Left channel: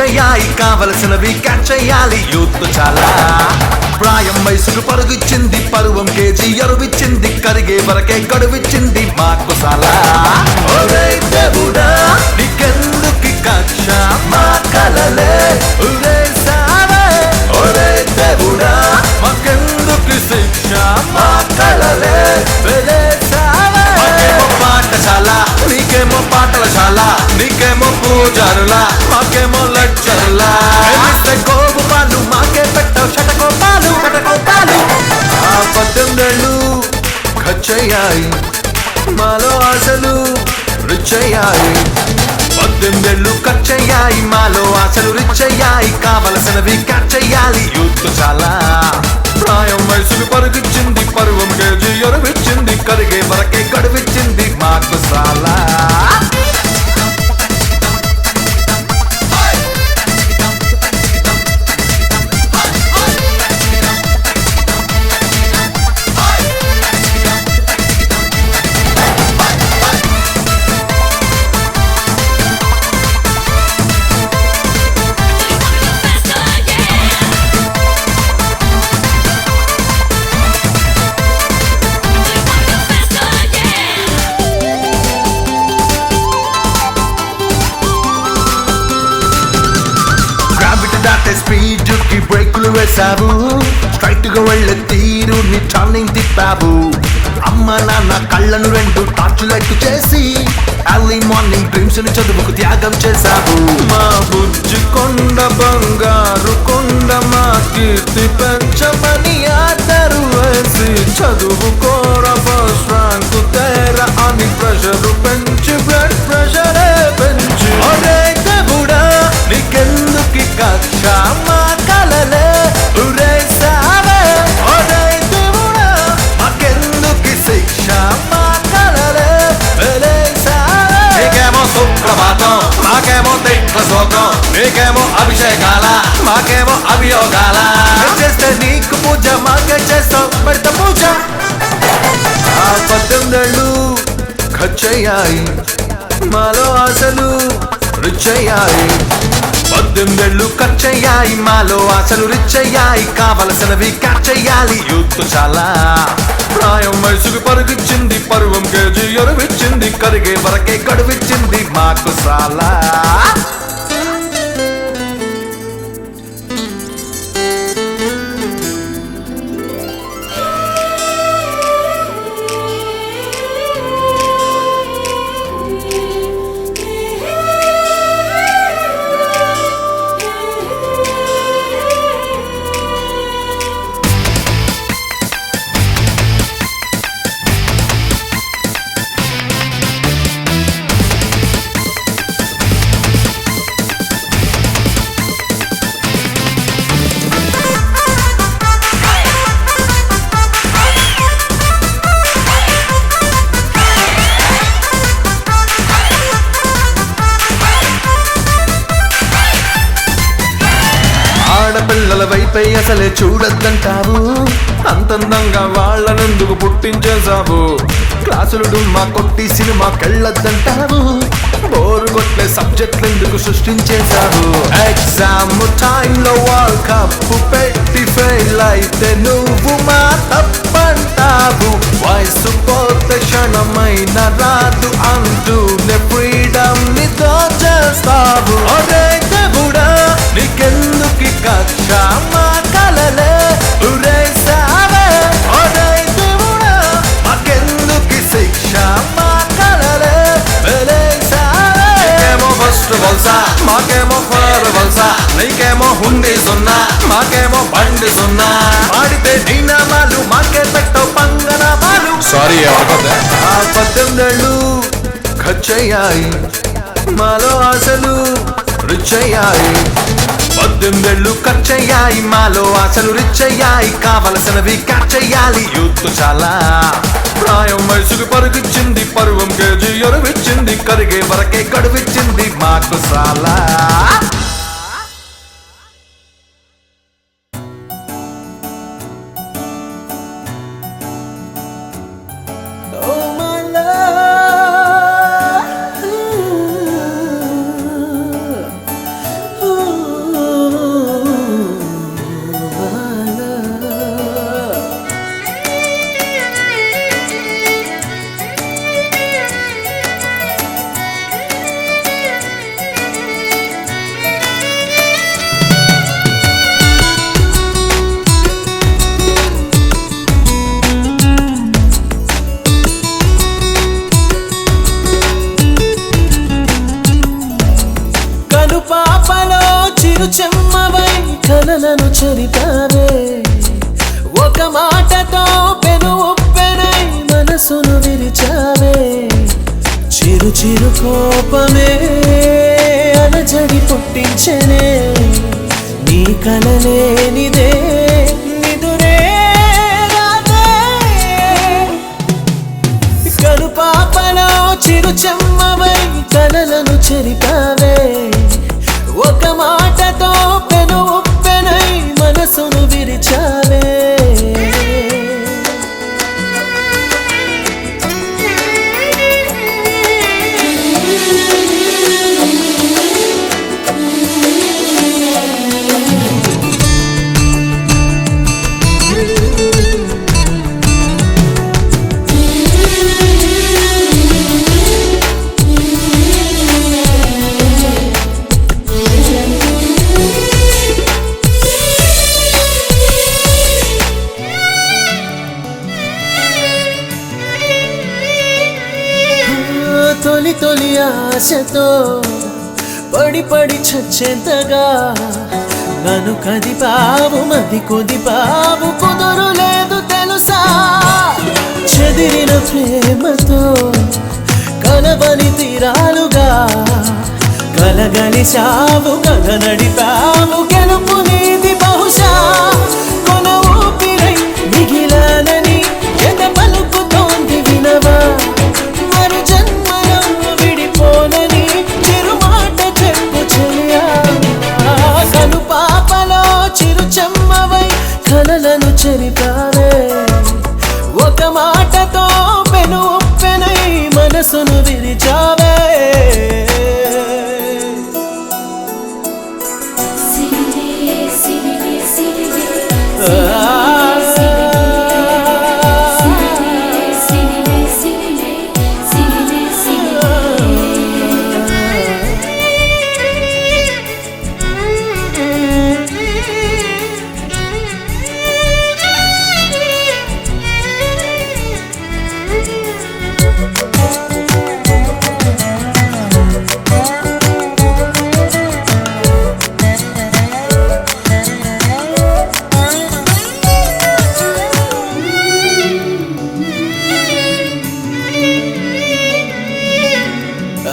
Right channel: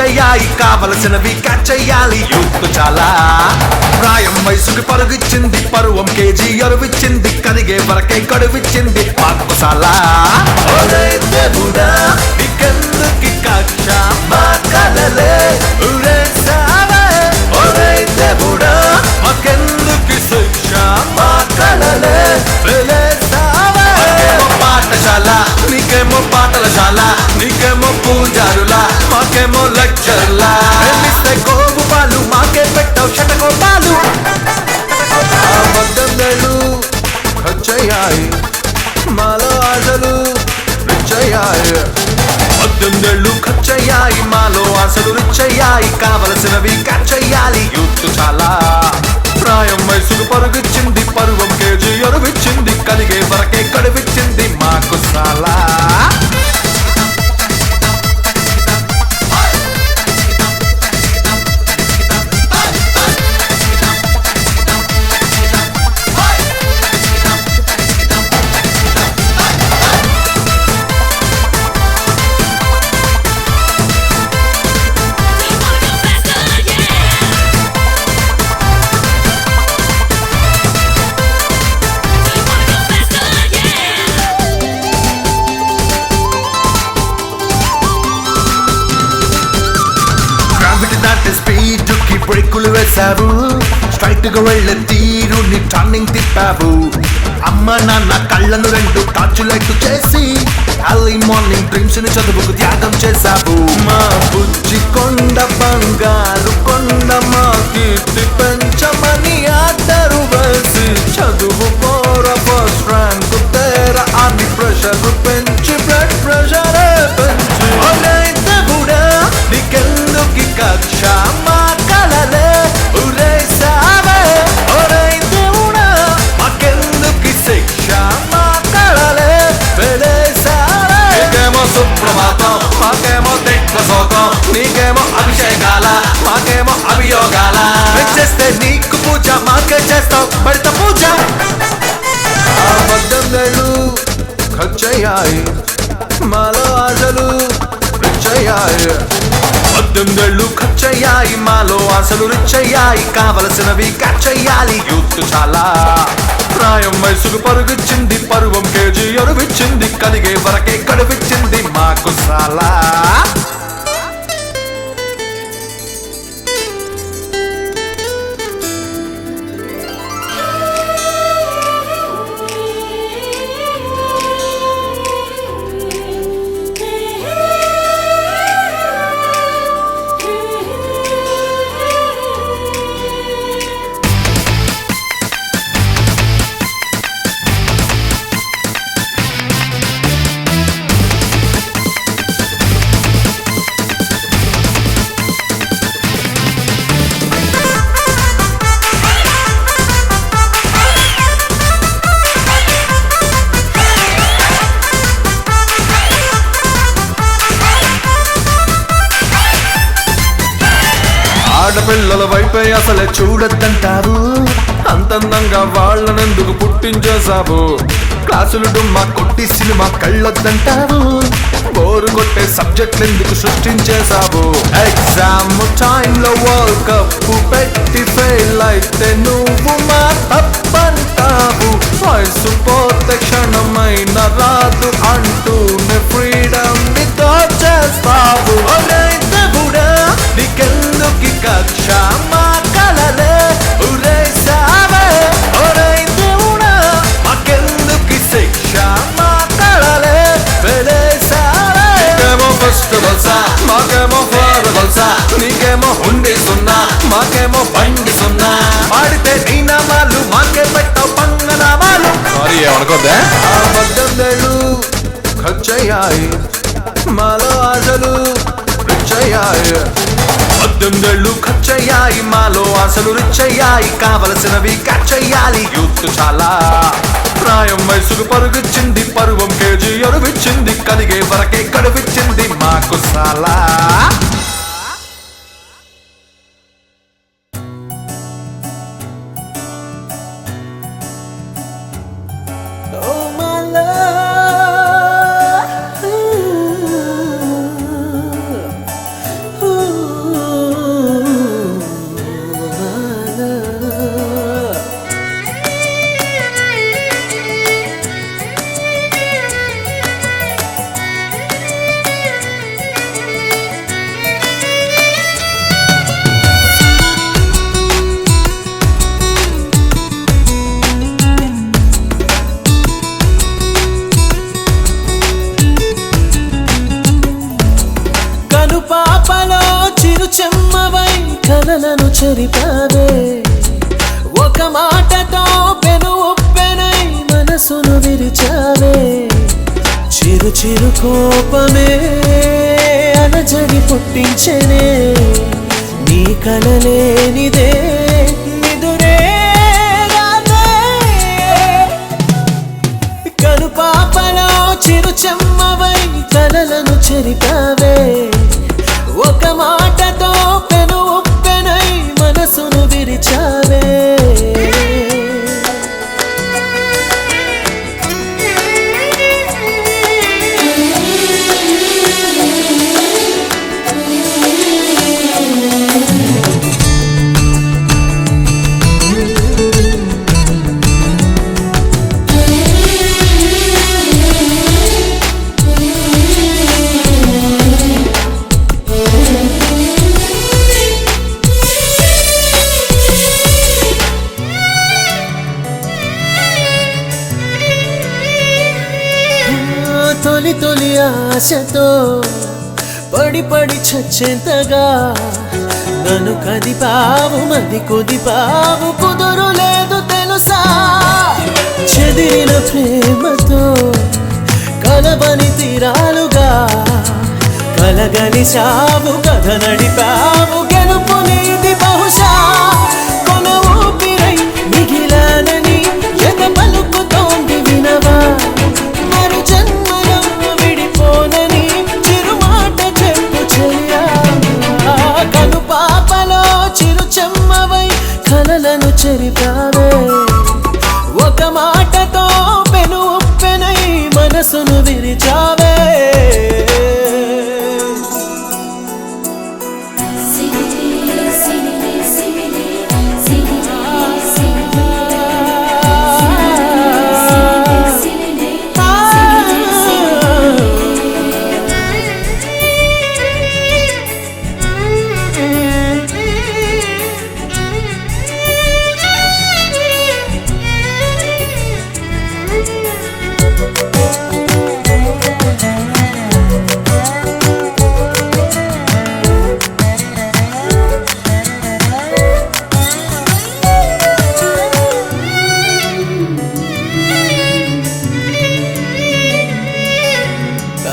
వచ్చయ్యాయి కావలసినవి క్యాచ్ చెయ్యాలి యూత్ చాలా ప్రాయం వయసుకు పలుగిచ్చింది పరువం కేజీ అరువిచ్చింది కరిగే వరకే కడువిచ్చింది మాకు చాలా దేవుడా నీకెందుకి కక్ష మా కలలే ఉరేసావే ఒరే దేవుడా మాకెందుకి శిక్ష మా కలలే ఉరేసావే మాకేమో పాఠశాల నీకేమో పాఠశాల నీకేమో పూజారుల మాకేమో లెక్చర్లా కోపు వాళ్ళు మాకే పెట్టావు శతకోటాలు పద్దెనిమిదేళ్ళు ఖర్చయ్యాయి మాలో ఆశలు రిచ్చయ్యాయి 18 ఏళ్ళు ఖర్చయ్యాయి మాలో ఆశలు రిచ్చయ్యాయి కావలసినవి ఖర్చయ్యాలి యూత్ చాలా ప్రాయం వయసులు పరుగిచ్చింది పరువం కేజీ అరువిచ్చింది కరిగే వరకే గడువిచ్చింది మాకు చాలా స్పీడ్కి బ్రేకులు వేశావు స్ట్రైట్ గా వెళ్ళే తీరు నీ టర్నింగ్ తిప్పావు అమ్మ నాన్న కళ్ళను రెండు టార్చులైట్ చేసి అర్లీ మార్నింగ్ డ్రీమ్స్ ని చదువుకు త్యాగం చేశావు మా బుజ్జి కొండ బంగారు కొండ మా కీర్తి పెంచమని ఆర్డరు వేసి చదువు కోర ఫస్ట్ ర్యాంక్ తేరా అని ప్రెషర్ పెంచి బ్లడ్ ప్రెషరే పెంచి దేవుడా నీకెందుకి కక్ష మా కలలే ఉరేసావే ఒరే దేవుడా మాకెందుకి శిక్ష మా కలలే వెలేసావే నీకేమో సుప్రభాతం మాకేమో దిగ్వసోతం నీకేమో అభిషేకాల మాకేమో అభియోగాల చేస్తే నీకు పూజ మాకే చేస్తావు బయట పూజ 18 ఏళ్ళు ఖర్చయ్యాయి మాలో ఆశలు రిచ్చయ్యాయి 18 ఏళ్ళు ఖర్చయ్యాయి మాలో ఆశలు రిచ్చయ్యాయి కావలసినవి క్యాచ్ చెయ్యాలి యూత్ చాలా ప్రాయం వయసుకు పరుగిచ్చింది పరువం కేజీ అరువిచ్చింది కరిగే వరకే గడువిచ్చింది మాకు చాలా ఆడపిల్లల వైపే అసలే చూడద్దంటావు అంతందంగా వాళ్ళనెందుకు పుట్టించేశావు క్లాసులు మా కొట్టి సినిమా కళ్ళద్దంటావు బోరు కొట్టే సబ్జెక్ట్ ఎందుకు సృష్టించేశావు ఎగ్జామ్ టైంలో వరల్డ్ కప్ పెట్టి ఫెయిల్ అయితే నువ్వు మా తప్పంటావు వయసు పోతే క్షణమైన రాదు అంటూ ఫ్రీడమ్ ని దోచేస్తావు ఒరే దేవుడా నీకెందుకి కక్ష మా కలలే ఉరేసావే ఒరే దేవుడా మాకెందుకి శిక్ష మా కలలే వెలేసావే నీకేమో ఫస్ట్ వల్సా మాకేమో ఫర్ వల్సా నీకేమో హుండి సున్నా మాకేమో బండి సున్నా ఆడితే నీ నామాలు మాకే పెట్టవు పంగనామాలు సారీ ఏమనుకోద్దా 18 ఏళ్ళు ఖర్చయ్యాయి మాలో ఆశలు రిచ్చయ్యాయి 18 ఏళ్ళు ఖర్చయ్యాయి మాలో ఆశలు రిచ్చయ్యాయి కావలసినవి క్యాచ్ చెయ్యాలి యూత్ చాలా ప్రాయం వయసుకు పరుగిచ్చింది పరువం కేజీ అరువిచ్చింది కరిగే వరకే గడువిచ్చింది మాకు చాలా Oh my love, ooh. కలలను చెరిపావే ఒక మాటతో పెను ఉప్పెనై మనసును విరిచావే చిరు చిరు కోపమే అలజడి పుట్టించెనే నీ కలలేనిదే నిదురే రాదే కనుపాపలో చిరు చెమ్మవై కలలను చెరిపావే ఒక మాటతో పెను ఉప్పెనై మనసును విరిచావే తొలి తొలి ఆశతో పడి పడి చచ్చేంతగా నన్ను కదిపావు మది కుదిపావు కుదురు లేదు తెలుసా చెదిరిన ప్రేమతో కలవని తీరాలుగా కలగలిచావు కథ నడిపావు గెలుపు నీది బహుశా కొన ఊపిరై మిగిలానని ఎద పలుకుతోంది వినవా మరు జన్మలో విడిపోనని చిరుమాట చెప్పు చెలియా కను పాపలో చిరు చెమ్మవై కలలను చెరిపావే ఒక మాటతో పెను ఉప్పెనై మనసును విరిచావే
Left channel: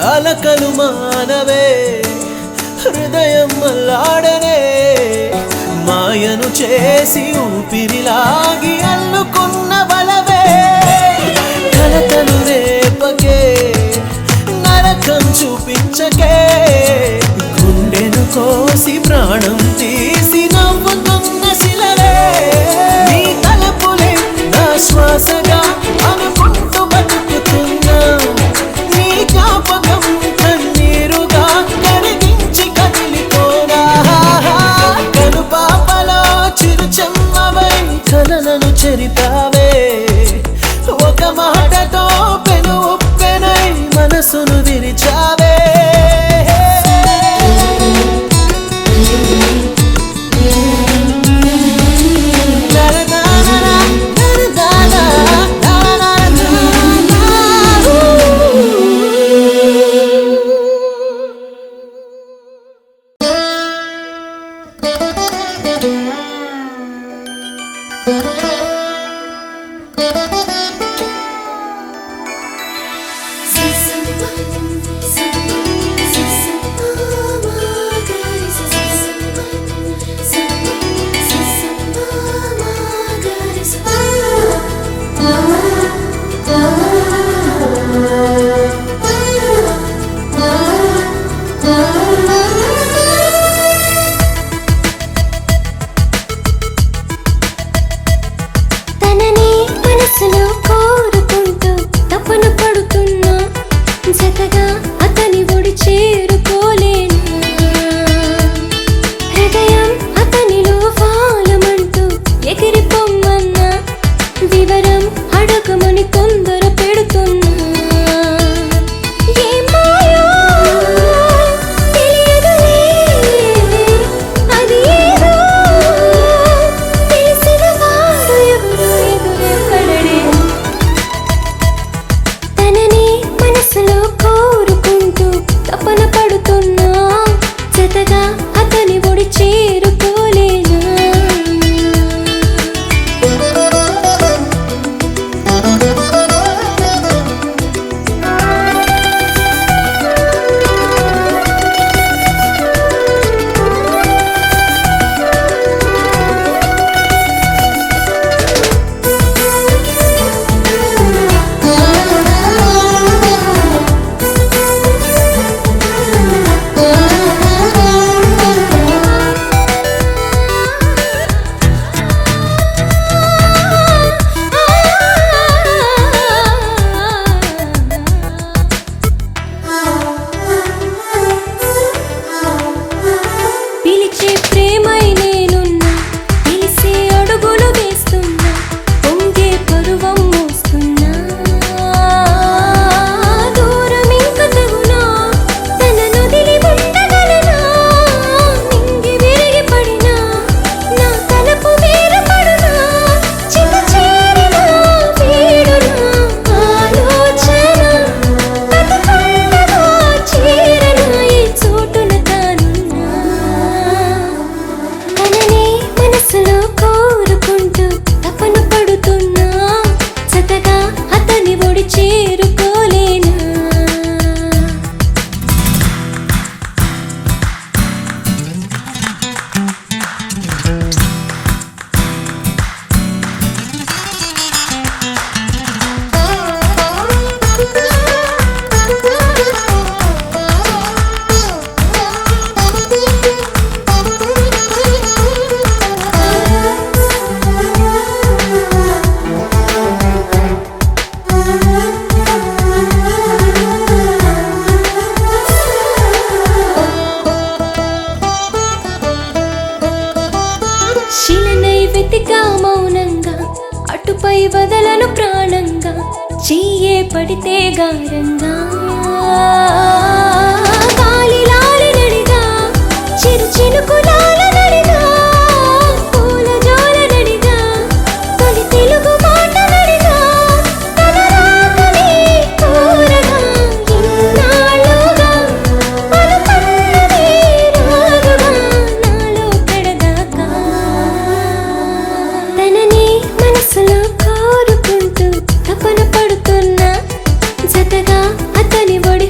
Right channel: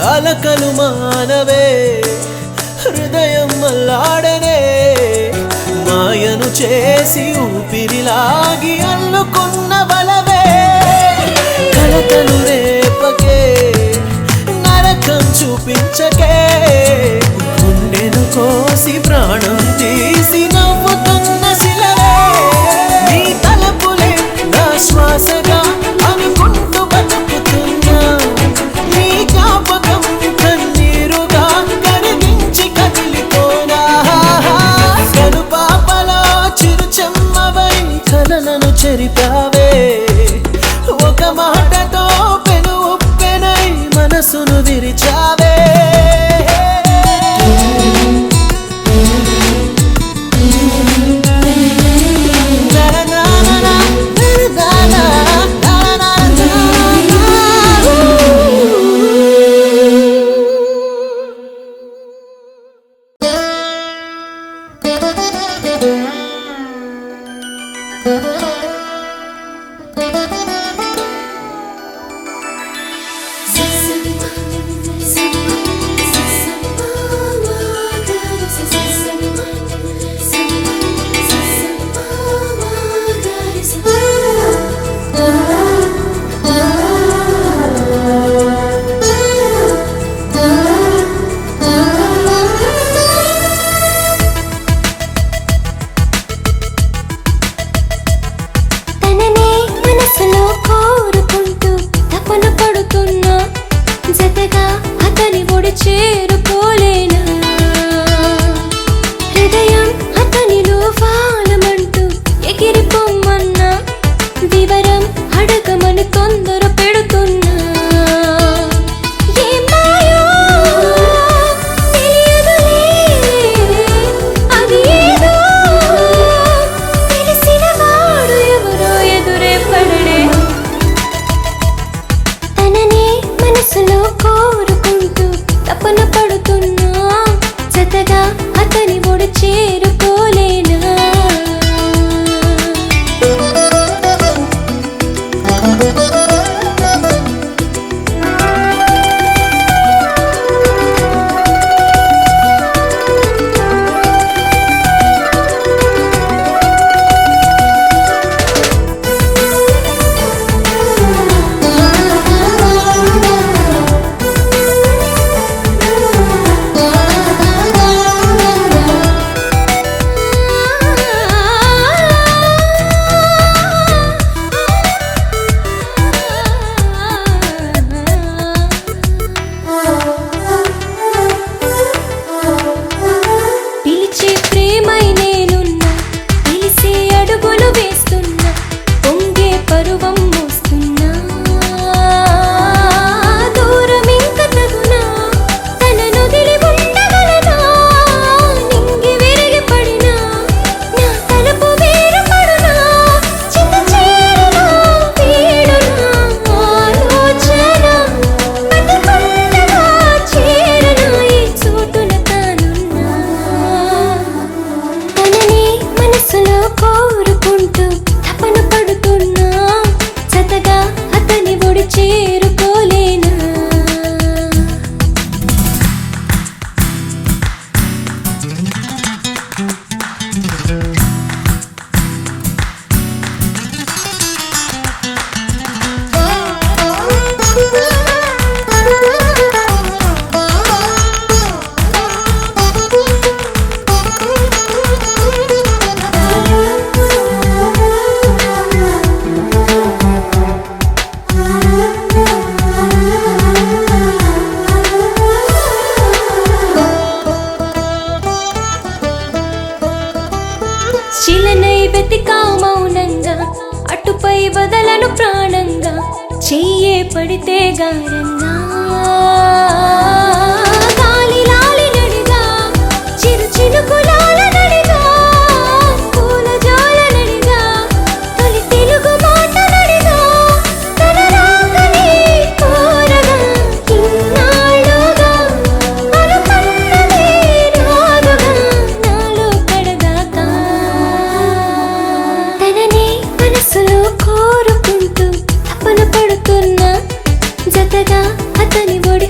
అలకలు మానవే హృదయం మల్లాడనే మాయను చేసి ఊపిరిలాగి అల్లుకున్న బలవే కలతలు రేపకే నరకం చూపించకే గుండెను కోసి ప్రాణం తీసి నవ్వుతున్న శిలవే నీ తలపులే నా శ్వాసగా అనుకుంటూ బతుకుతున్నా నీ జ్ఞాపకం కన్నీరుగా కరిగించి కదిలిపోనా కను పాపలో చిరు చెమ్మవై కలలను చెరిపావే ఒక మాటతో పెను ఉప్పెనై మనసును విరిచావే నీపై వదలను ప్రాణంగా చెయ్యే పడితే గారంగా గాలిలారి నడిగా చిరు చిరుకులార నడిగా పూల జోల నడిగా తొలి తెలుగు మాట నడిగా తలరాగని కోరగా ఇన్నాళ్ళుగా అనుకున్నది రాదుగా నాలో కడదాకా తననే మనసులో కోరుకుంటూ తపన పడుతున్నా జతగా అతని ఒడి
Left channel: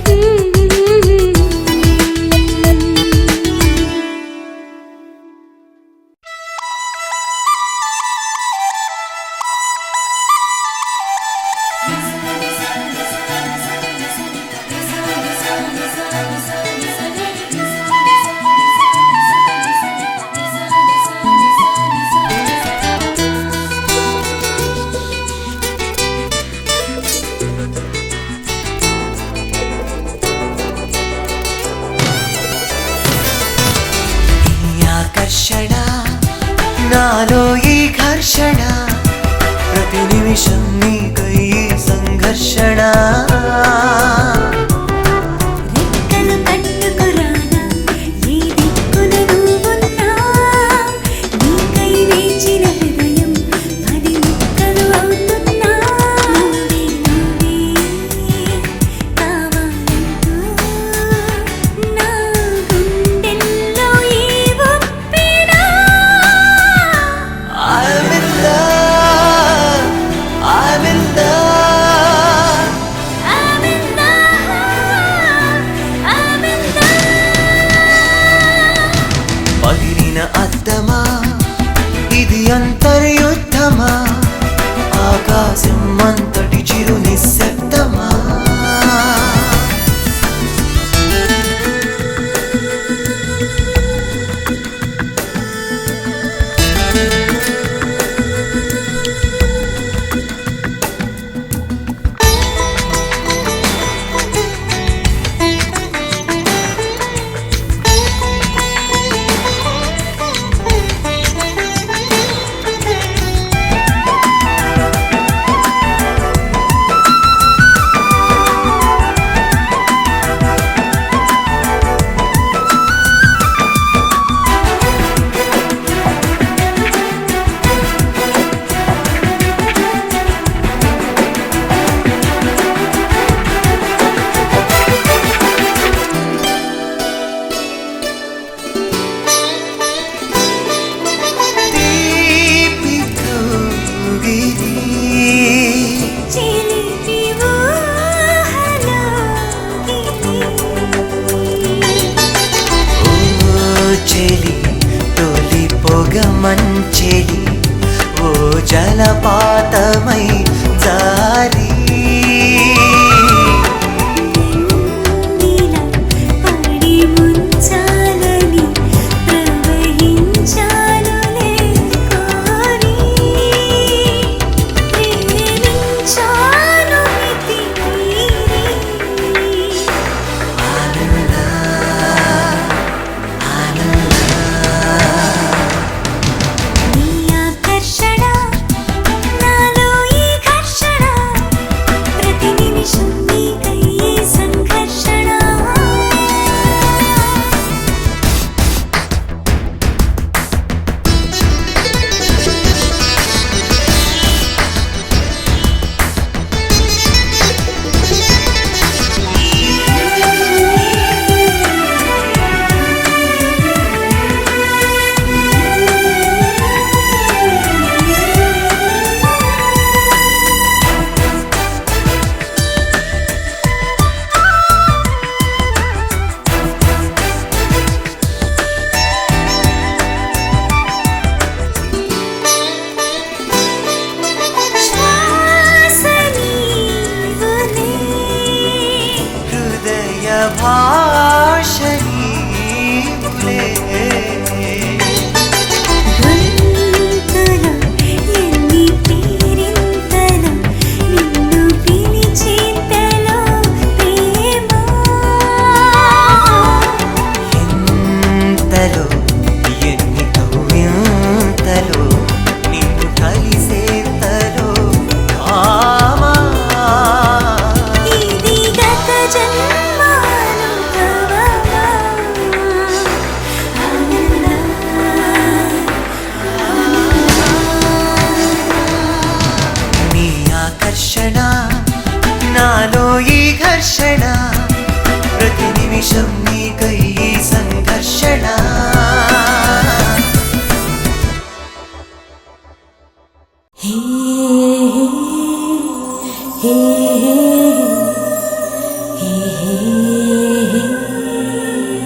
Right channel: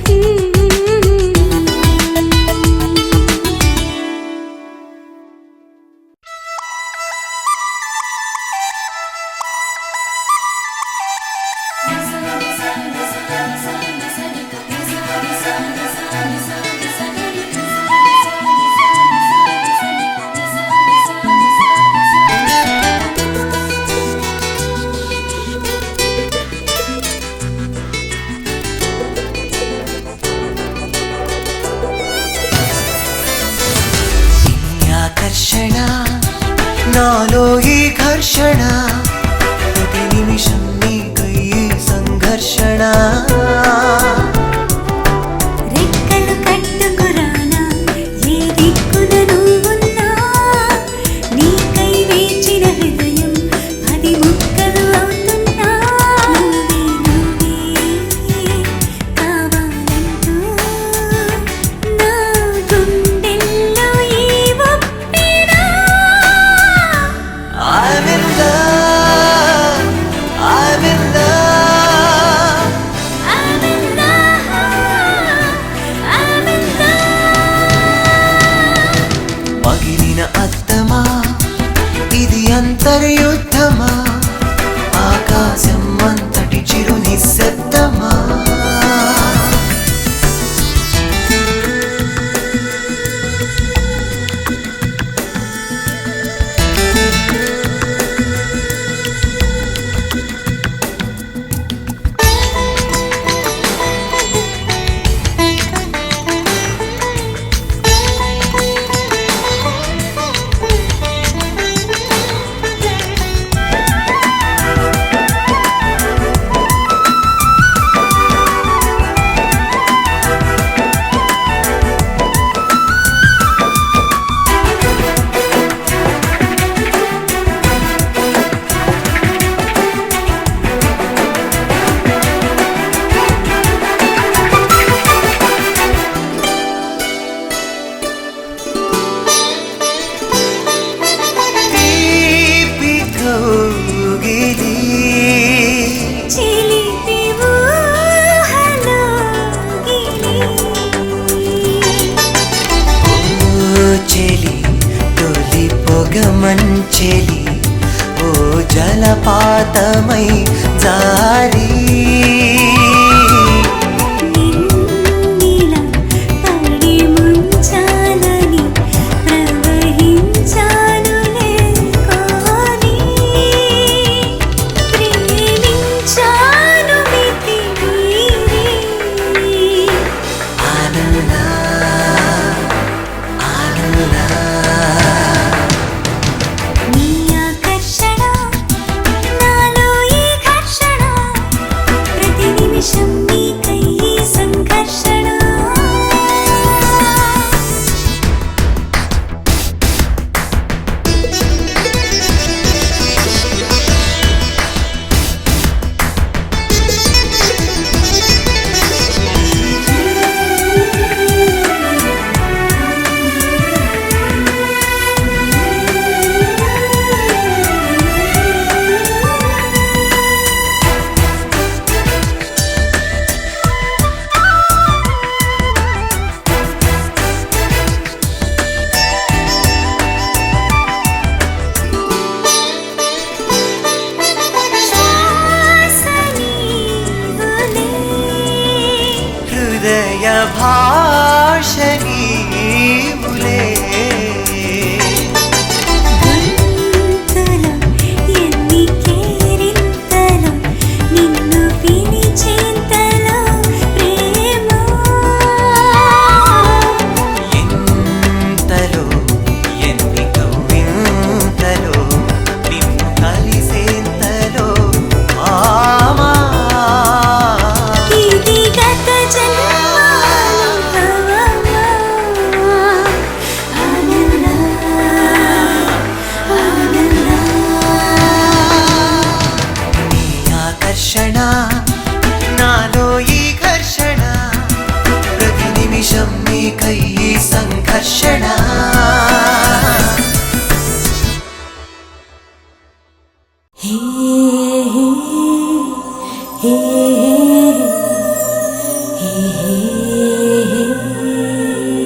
ఆకర్షణ నాలో ఈ ఘర్షణ ప్రతి నిమిషం నీకై సంఘర్షణ రెక్కలు కట్టుకురానా ఏ దిక్కున నువ్వున్నా నీకై వేచిన హృదయం అది ముక్కలు అవుతున్నా నువ్వే కావాలంటూ నా గుండెల్లో ఈ ఒప్పినా అరవింద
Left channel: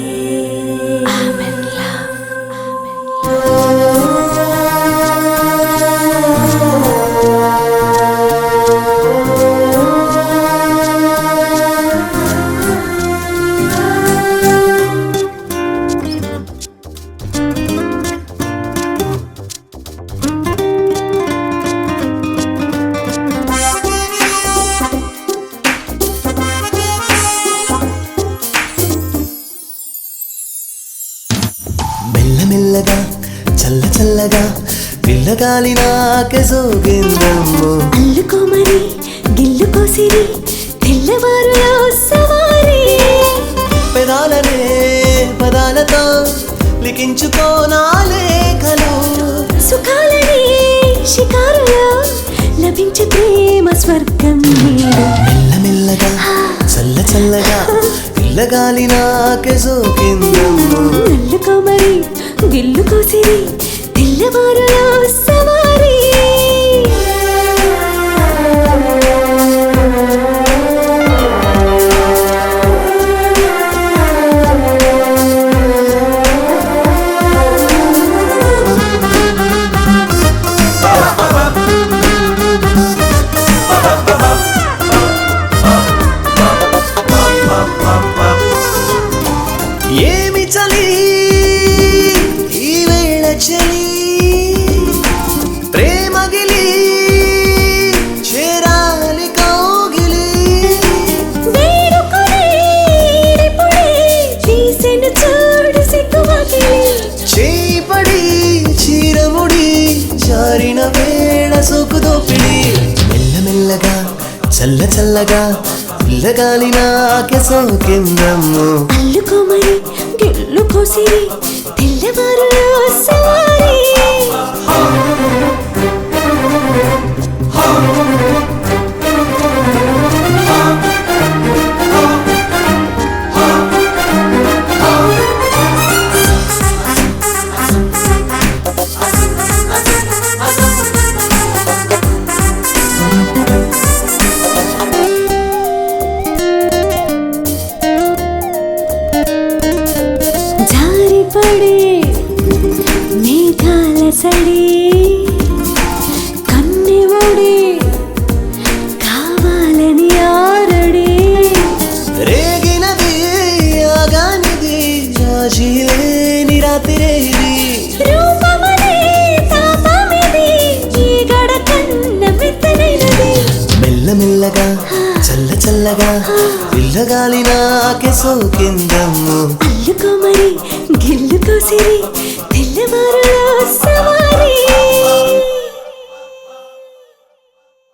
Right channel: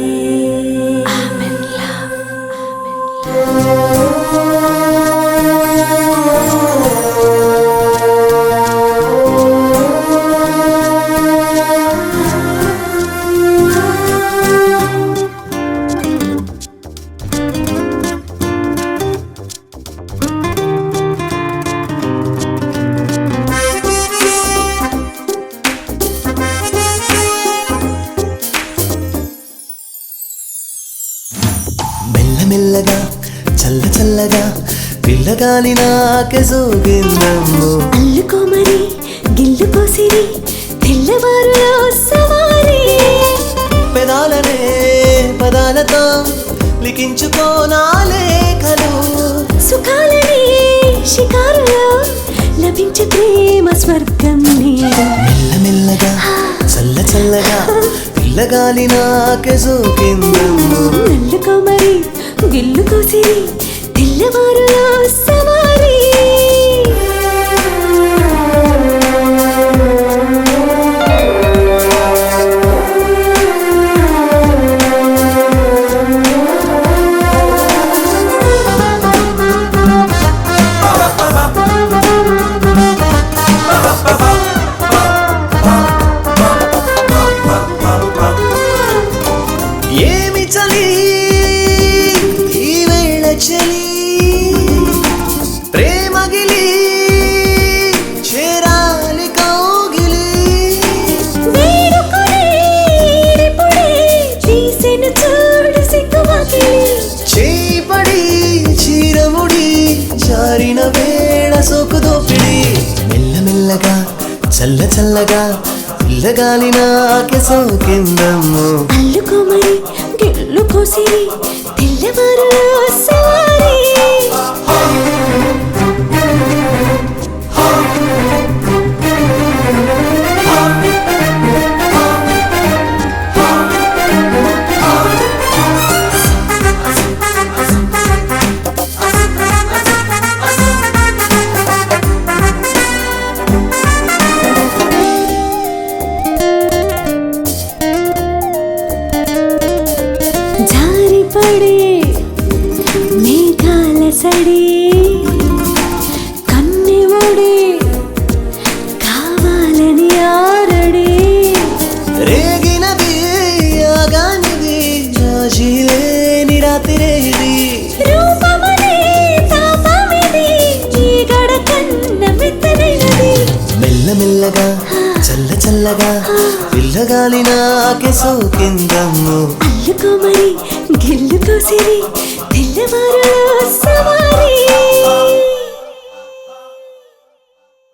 I'm in love. మెల్లమెల్లగా చల్ల చల్లగా పిల్లగాలి నాకే సోగిందమ్మో అల్లుకో మరి గిల్లుకో సిరి తెల్లవారులో సవారీ పెదాలనే పదాలతో లిఖించుకో నా లేఖలు సుఖాలని షికారులో లభించే ప్రేమ స్వర్గం నీడు మెల్లమెల్లగా చల్ల చల్లగా పిల్లగాలి నాకే సోకిందమ్మో అల్లుకో మరి గిల్లుకో సిరి తెల్లవారులో సవారీ ఏమి చలి ఈ వేళ చలి ప్రేమగిలి చేరాలి కౌగిలి వేడుకొనే ఇప్పుడే తీసెను చూడు సిగ్గువాకిలి చేపడి చీరముడి జారిన వేళ సోకు దోపిడి మెల్లమెల్లగా చల్ల చల్లగా పిల్లగాలి నాకే సోకిందమ్మో అల్లుకో మరి గిల్లుకో సిరి తెల్లవారులో సవారీ జారిపడే మేఘాల సడి కన్నె ఒడి కావాలని ఆరడి రేగినది ఆగానిది రాజీలేని రాత్రే ఇది రూపమనే తాపమిది ఈ గడకన్న మెత్తనైనది మెల్లమెల్లగా చల్ల చల్లగా పిల్లగాలి నాకే సోకిందమ్మో అల్లుకో మరి గిల్లుకో సిరి తెల్లవారులో సవారీ